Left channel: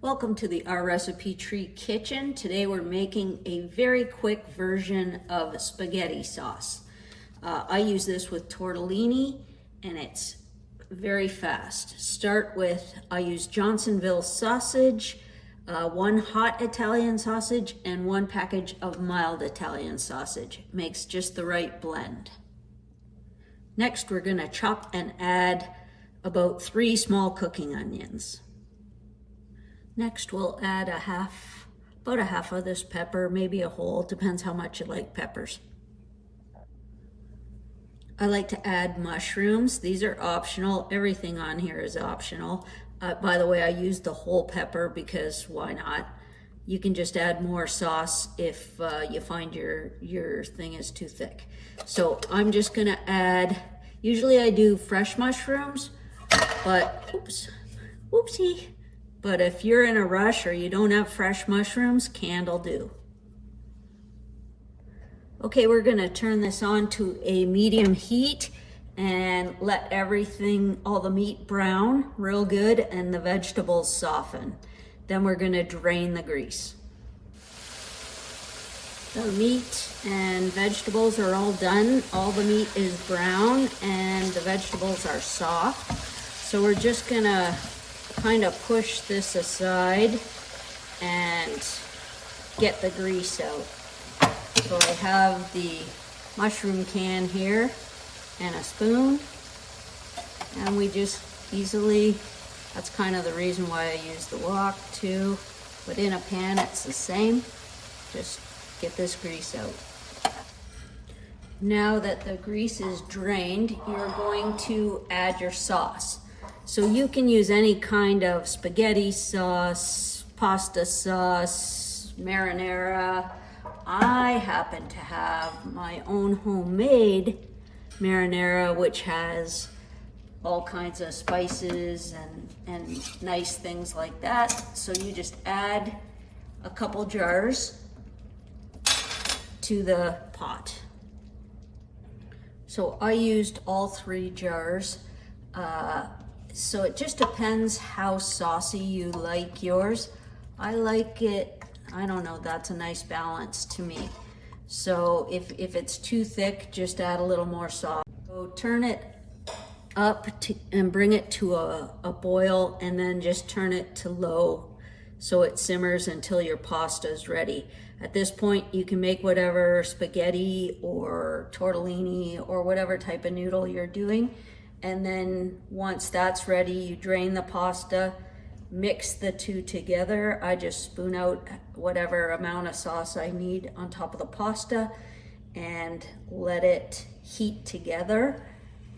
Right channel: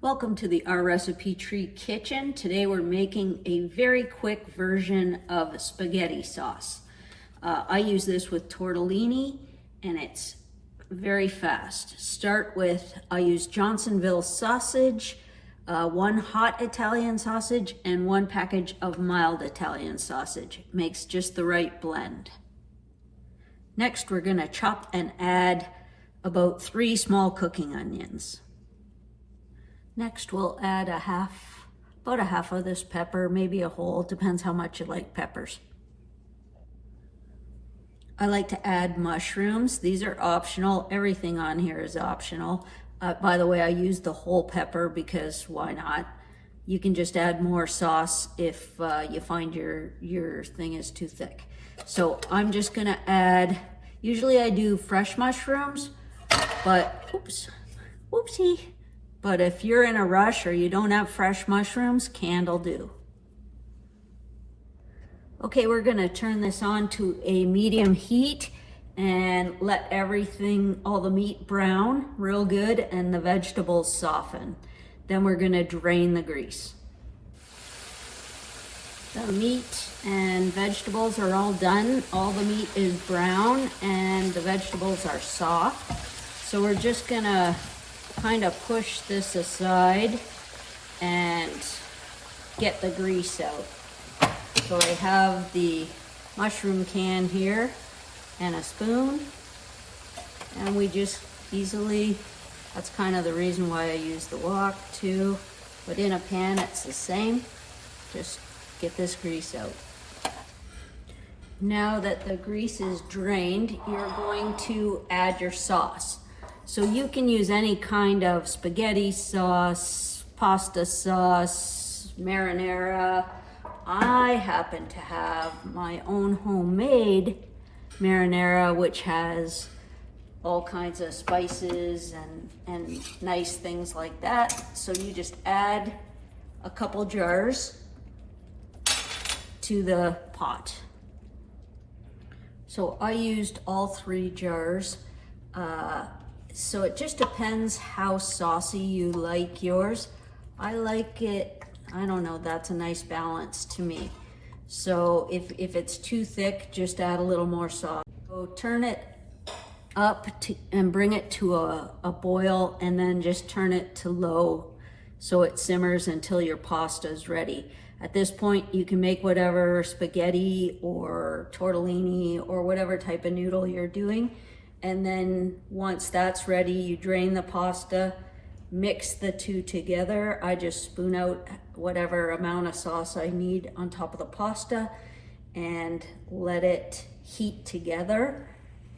Welcome to the OurRecipeTree kitchen. Today we're making a very quick version of spaghetti sauce. I use this with tortellini and it's very fast. Start with, I use Johnsonville sausage, one hot Italian sausage and one package of mild Italian sausage. Makes just the right blend. Next we're gonna chop and add about 3 small cooking onions. Next, we'll add about a half of this pepper, maybe a whole, depends how much you like peppers. I like to add mushrooms. These are optional. Everything on here is optional. By the way, I use the whole pepper because why not? You can just add more sauce if you find your thing is too thick. So I'm just gonna add, usually I do fresh mushrooms, but whoopsie. But if you're in a rush or you don't have fresh mushrooms, canned will do. Okay, we're gonna turn this on to a medium heat and let everything, all the meat brown real good and the vegetables soften. Then we're gonna drain the grease. The meat and vegetables are all done. All the meat is brown and the vegetables are soft. So we're just gonna kind of push this aside and get the grease out. So I have the mushroom can here and a spoon, and we just easily, that's kind of the reason why I use the wok too, but in a pan it's the same. Just get this grease out. Now that the grease is drained, you're going to add your sauce. So you can use any kind of spaghetti sauce, pasta sauce, marinara. I happen to have my own homemade marinara, which has all kinds of spices and nice things like that. So you just add a couple jars to the pot. So I used all 3 jars. So it just depends how saucy you like yours. I like it, I don't know, that's a nice balance to me. So if it's too thick, just add a little more sauce. So turn it up and bring it to a boil, and then just turn it to low so it simmers until your pasta is ready. At this point, you can make whatever spaghetti or tortellini or whatever type of noodle you're doing. And then once that's ready, you drain the pasta, mix the two together. I just spoon out whatever amount of sauce I need on top of the pasta and let it heat together,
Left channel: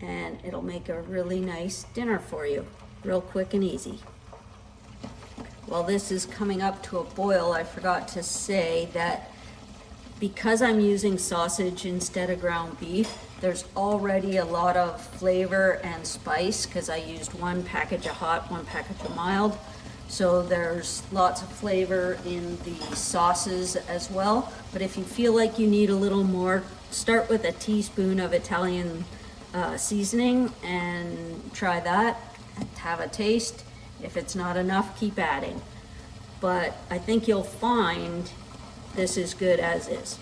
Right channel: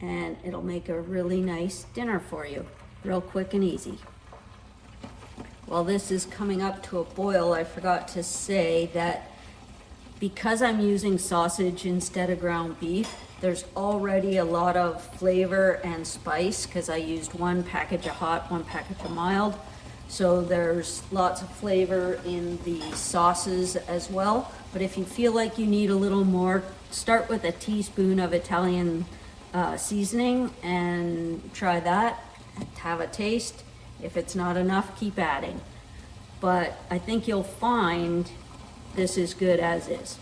and it'll make a really nice dinner for you, real quick and easy. While this is coming up to a boil, I forgot to say that because I'm using sausage instead of ground beef, there's already a lot of flavor and spice because I used 1 package of hot, 1 package of mild. So there's lots of flavor in the sauces as well. But if you feel like you need a little more, start with a teaspoon of Italian seasoning and try that. Have a taste. If it's not enough, keep adding. But I think you'll find this is good as is.